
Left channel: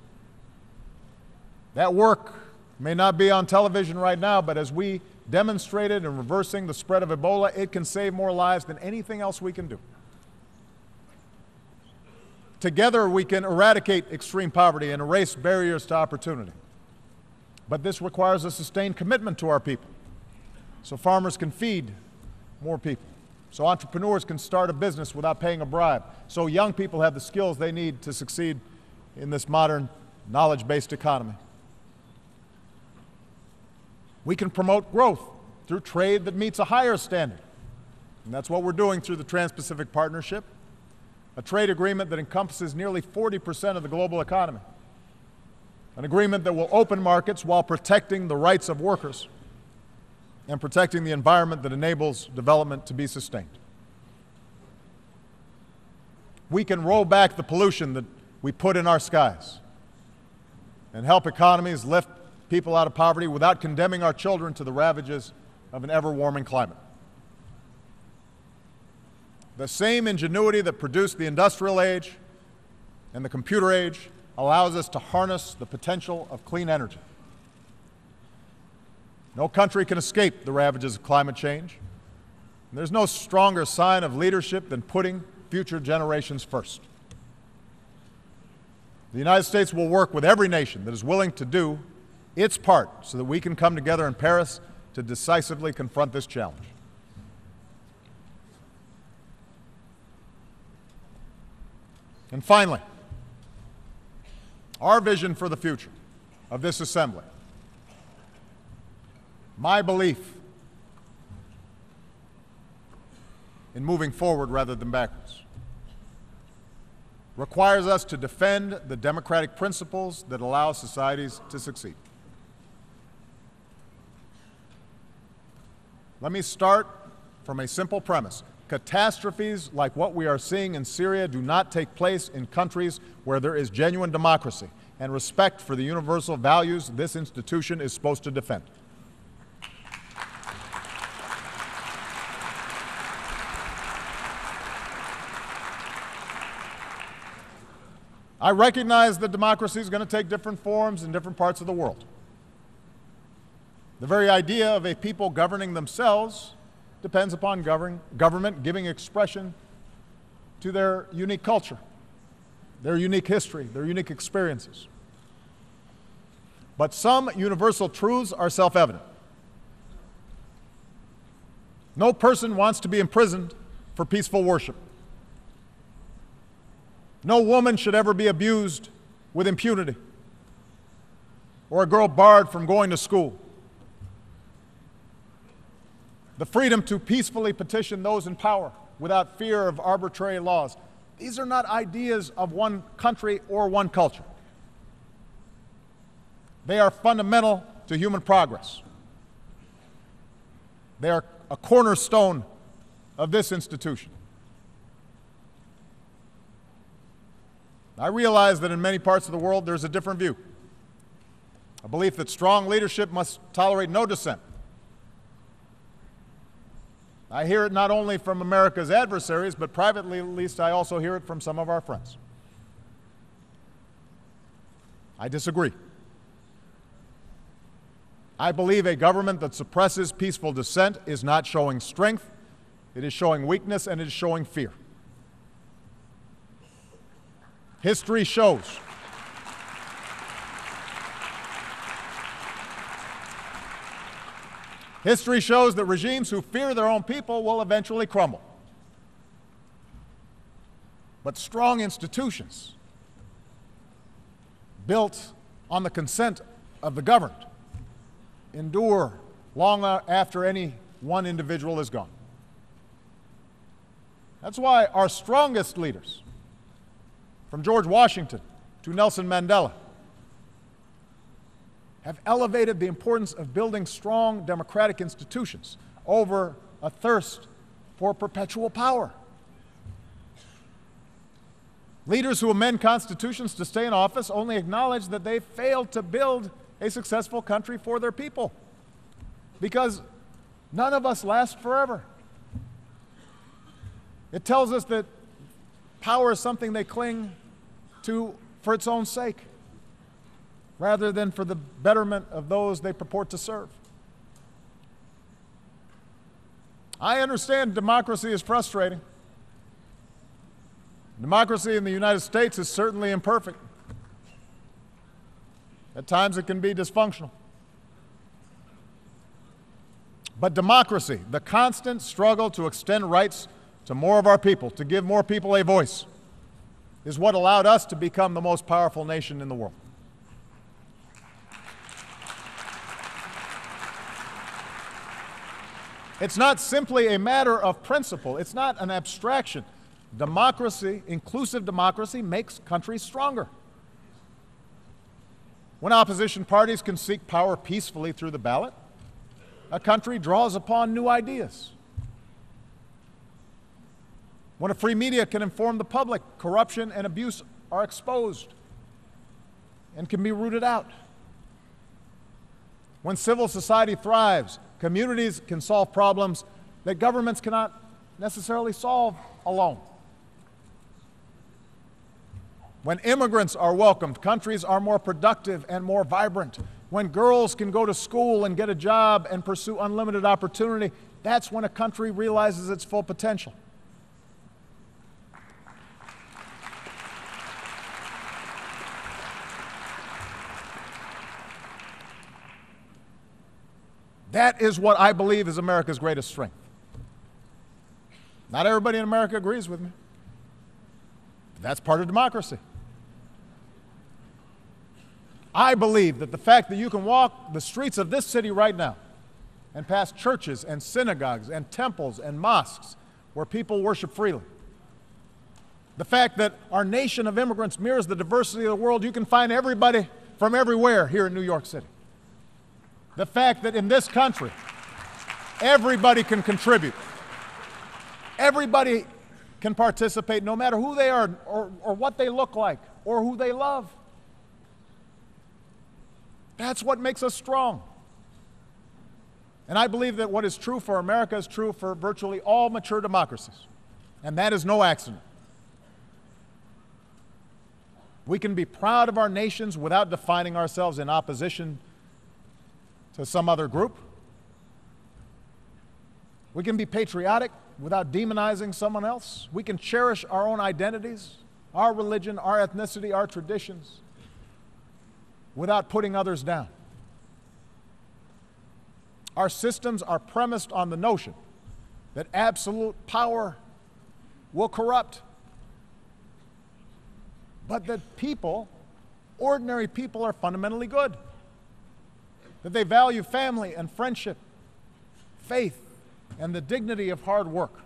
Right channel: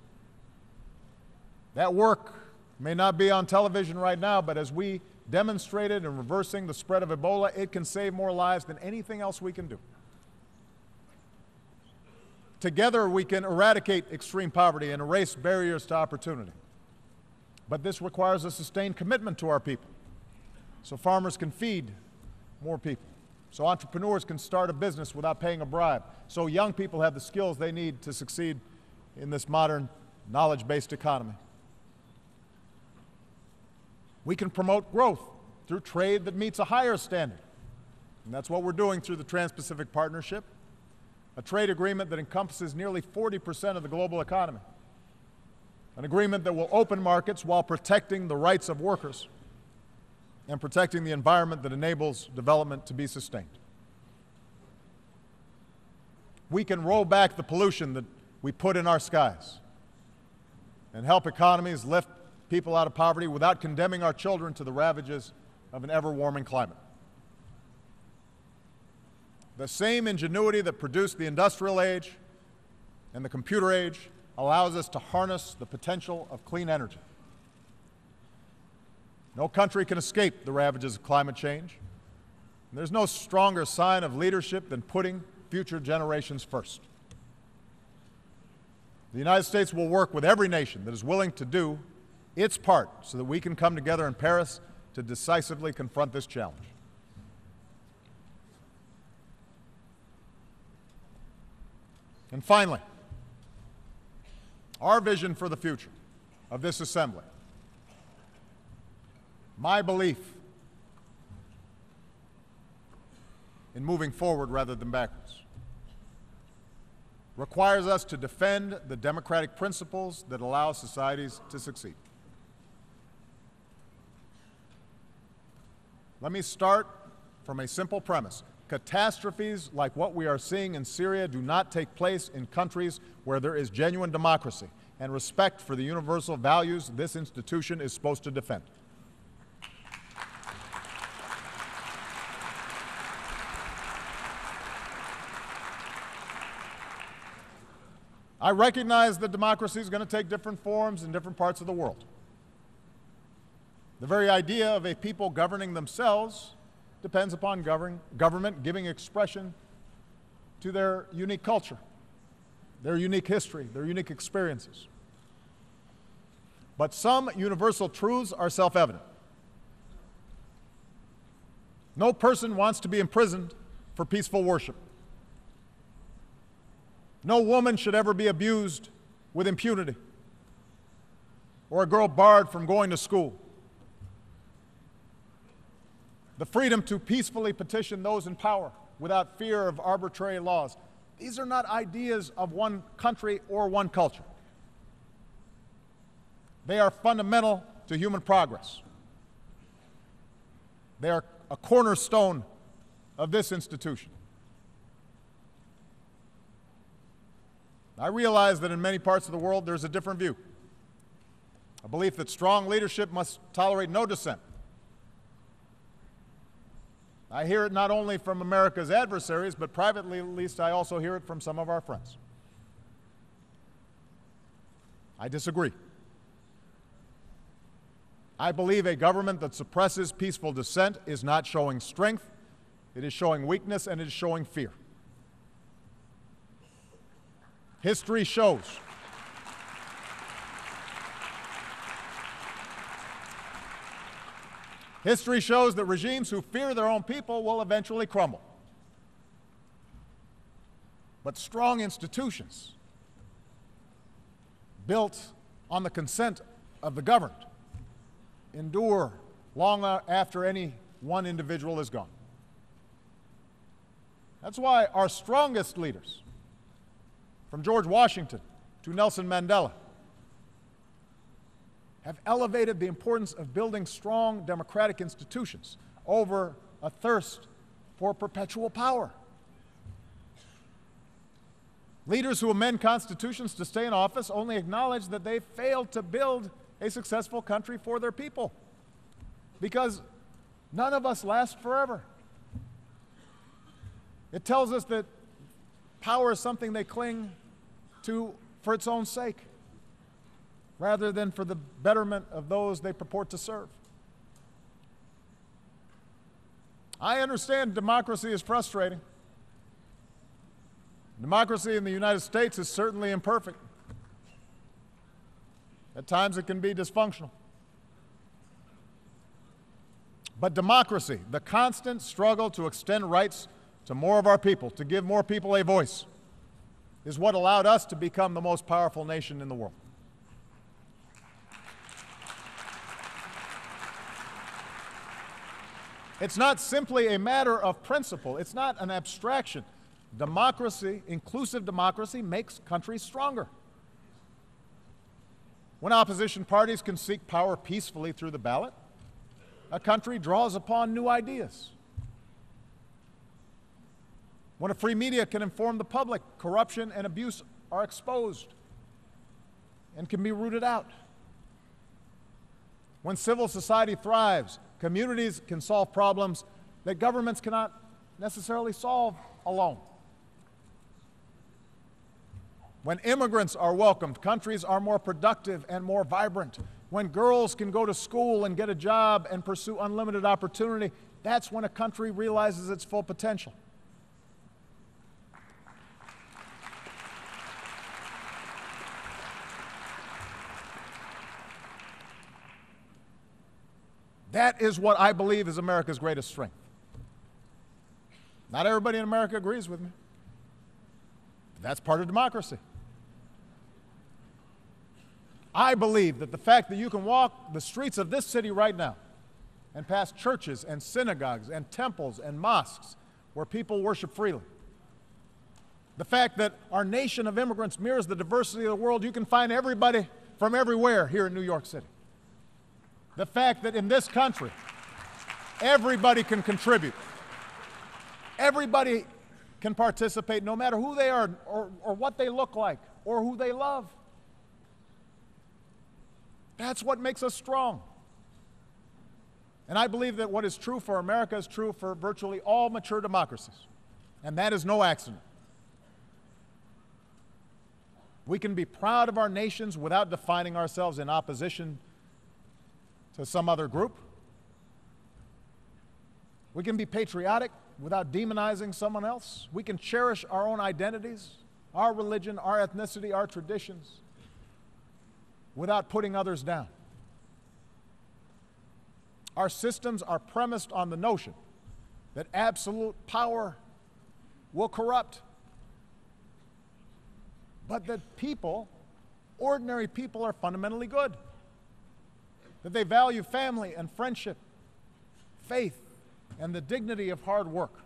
That work may not be on television right now, but as we demonstrated in reversing the spread of Ebola, it can save more lives than anything else we can do. Together, we can eradicate extreme poverty and erase barriers to opportunity. But this requires a sustained commitment to our people, so farmers can feed more people, so entrepreneurs can start a business without paying a bribe, so young people have the skills they need to succeed in this modern knowledge-based economy. We can promote growth through trade that meets a higher standard. And that's what we're doing through the Trans-Pacific Partnership, a trade agreement that encompasses nearly 40% of the global economy, an agreement that will open markets while protecting the rights of workers and protecting the environment that enables development to be sustained. We can roll back the pollution that we put in our skies and help economies lift people out of poverty without condemning our children to the ravages of an ever-warming climate. The same ingenuity that produced the industrial age and the computer age allows us to harness the potential of clean energy. No country can escape the ravages of climate change. And there's no stronger sign of leadership than putting future generations first. The United States will work with every nation that is willing to do its part so that we can come together in Paris to decisively confront this challenge. And finally, our vision for the future of this assembly, my belief in moving forward rather than backwards, requires us to defend the democratic principles that allow societies to succeed. Let me start from a simple premise. Catastrophes like what we are seeing in Syria do not take place in countries where there is genuine democracy and respect for the universal values this institution is supposed to defend. I recognize that democracy is going to take different forms in different parts of the world. The very idea of a people governing themselves depends upon government giving expression to their unique culture, their unique history, their unique experiences. But some universal truths are self-evident. No person wants to be imprisoned for peaceful worship. No woman should ever be abused with impunity, or a girl barred from going to school. The freedom to peacefully petition those in power without fear of arbitrary laws. These are not ideas of one country or one culture. They are fundamental to human progress. They are a cornerstone of this institution. I realize that in many parts of the world there's a different view, a belief that strong leadership must tolerate no dissent. I hear it not only from America's adversaries, but privately, at least, I also hear it from some of our friends. I disagree. I believe a government that suppresses peaceful dissent is not showing strength, it is showing weakness, and it is showing fear. History shows that regimes who fear their own people will eventually crumble. But strong institutions built on the consent of the governed endure long after any one individual is gone. That's why our strongest leaders, from George Washington to Nelson Mandela, have elevated the importance of building strong democratic institutions over a thirst for perpetual power. Leaders who amend constitutions to stay in office only acknowledge that they failed to build a successful country for their people, because none of us last forever. It tells us that power is something they cling to for its own sake, rather than for the betterment of those they purport to serve. I understand democracy is frustrating. Democracy in the United States is certainly imperfect. At times it can be dysfunctional. But democracy, the constant struggle to extend rights to more of our people, to give more people a voice, is what allowed us to become the most powerful nation in the world. It's not simply a matter of principle. It's not an abstraction. Democracy, inclusive democracy, makes countries stronger. When opposition parties can seek power peacefully through the ballot, a country draws upon new ideas. When a free media can inform the public, corruption and abuse are exposed and can be rooted out. When civil society thrives, communities can solve problems that governments cannot necessarily solve alone. When immigrants are welcomed, countries are more productive and more vibrant. When girls can go to school and get a job and pursue unlimited opportunity, that's when a country realizes its full potential. That is what I believe is America's greatest strength. Not everybody in America agrees with me. That's part of democracy. I believe that the fact that you can walk the streets of this city right now and pass churches and synagogues and temples and mosques where people worship freely, the fact that our nation of immigrants mirrors the diversity of the world, you can find everybody from everywhere here in New York City. The fact that in this country, everybody can contribute. Everybody can participate, no matter who they are or what they look like or who they love. That's what makes us strong. And I believe that what is true for America is true for virtually all mature democracies. And that is no accident. We can be proud of our nations without defining ourselves in opposition to some other group. We can be patriotic without demonizing someone else. We can cherish our own identities, our religion, our ethnicity, our traditions, without putting others down. Our systems are premised on the notion that absolute power will corrupt, but that people, ordinary people, are fundamentally good, that they value family and friendship, faith, and the dignity of hard work,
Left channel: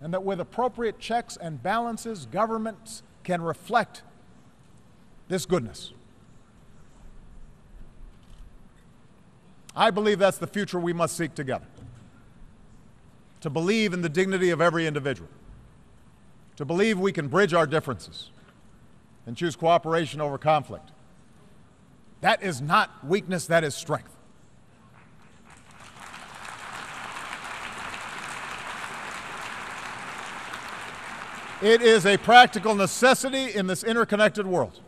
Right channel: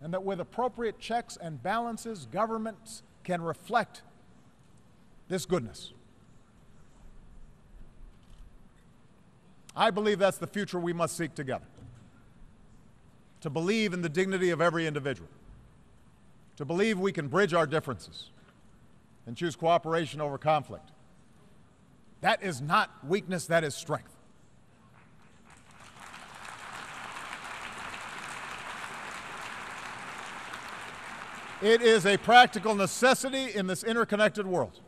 and that with appropriate checks and balances, governments can reflect this goodness. I believe that's the future we must seek together. To believe in the dignity of every individual. To believe we can bridge our differences and choose cooperation over conflict. That is not weakness, that is strength. It is a practical necessity in this interconnected world.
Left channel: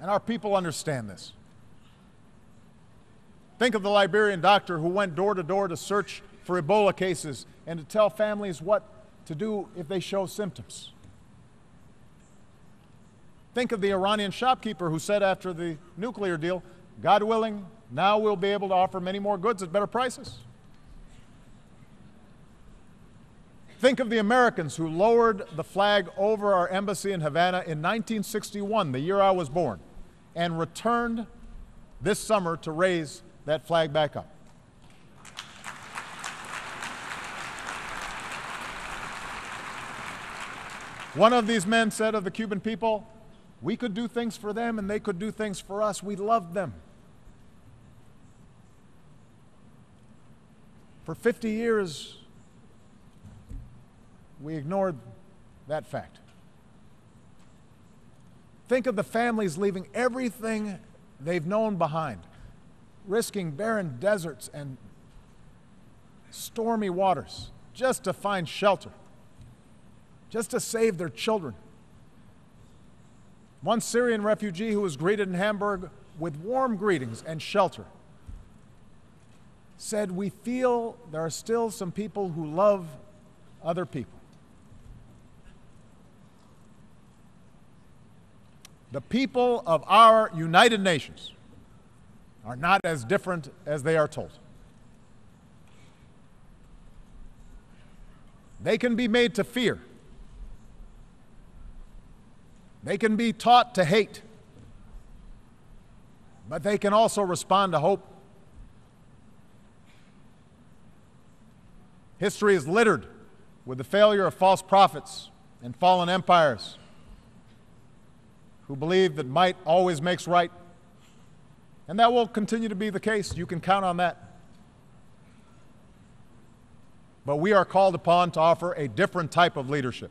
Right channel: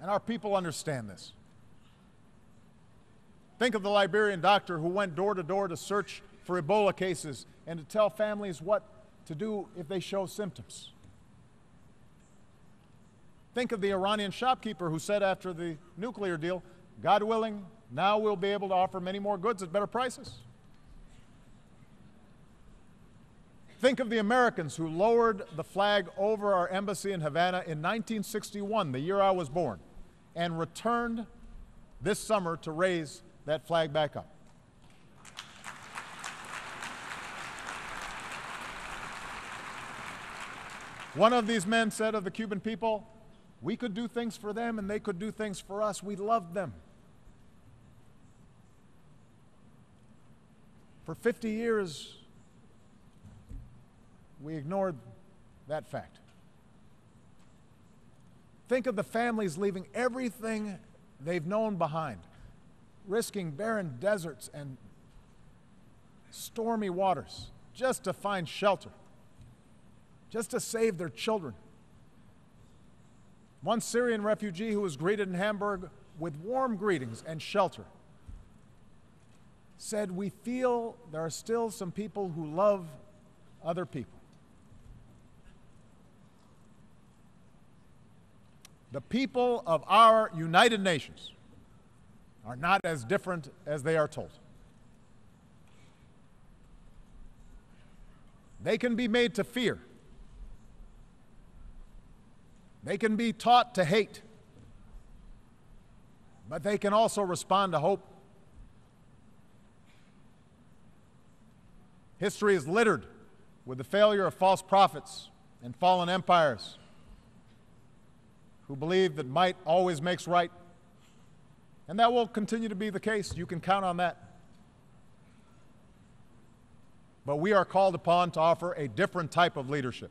And our people understand this. Think of the Liberian doctor who went door to door to search for Ebola cases and to tell families what to do if they show symptoms. Think of the Iranian shopkeeper who said after the nuclear deal, God willing, now we'll be able to offer many more goods at better prices. Think of the Americans who lowered the flag over our embassy in Havana in 1961, the year I was born, and returned this summer to raise that flag back up. One of these men said of the Cuban people, we could do things for them and they could do things for us. We loved them. For 50 years, we ignored that fact. Think of the families leaving everything they've known behind, risking barren deserts and stormy waters just to find shelter, just to save their children. One Syrian refugee who was greeted in Hamburg with warm greetings and shelter said, we feel there are still some people who love other people. The people of our United Nations are not as different as they are told. They can be made to fear. They can be taught to hate. But they can also respond to hope. History is littered with the failure of false prophets and fallen empires who believe that might always makes right. And that will continue to be the case. You can count on that. But we are called upon to offer a different type of leadership.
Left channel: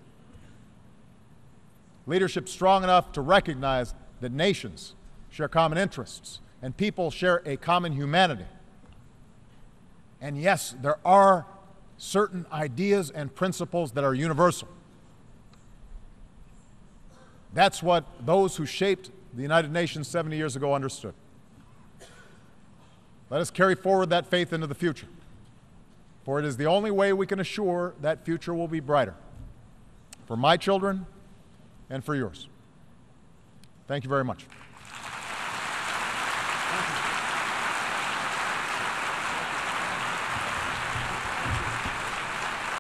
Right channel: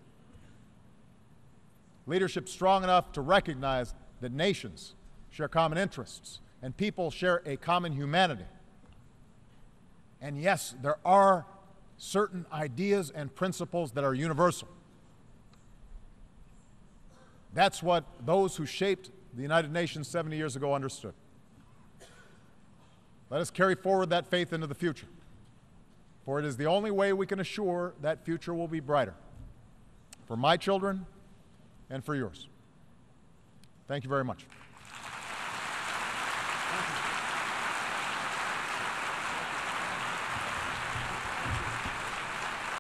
Leadership strong enough to recognize that nations share common interests and people share a common humanity. And yes, there are certain ideas and principles that are universal. That's what those who shaped the United Nations 70 years ago understood. Let us carry forward that faith into the future, for it is the only way we can assure that future will be brighter for my children and for yours. Thank you very much.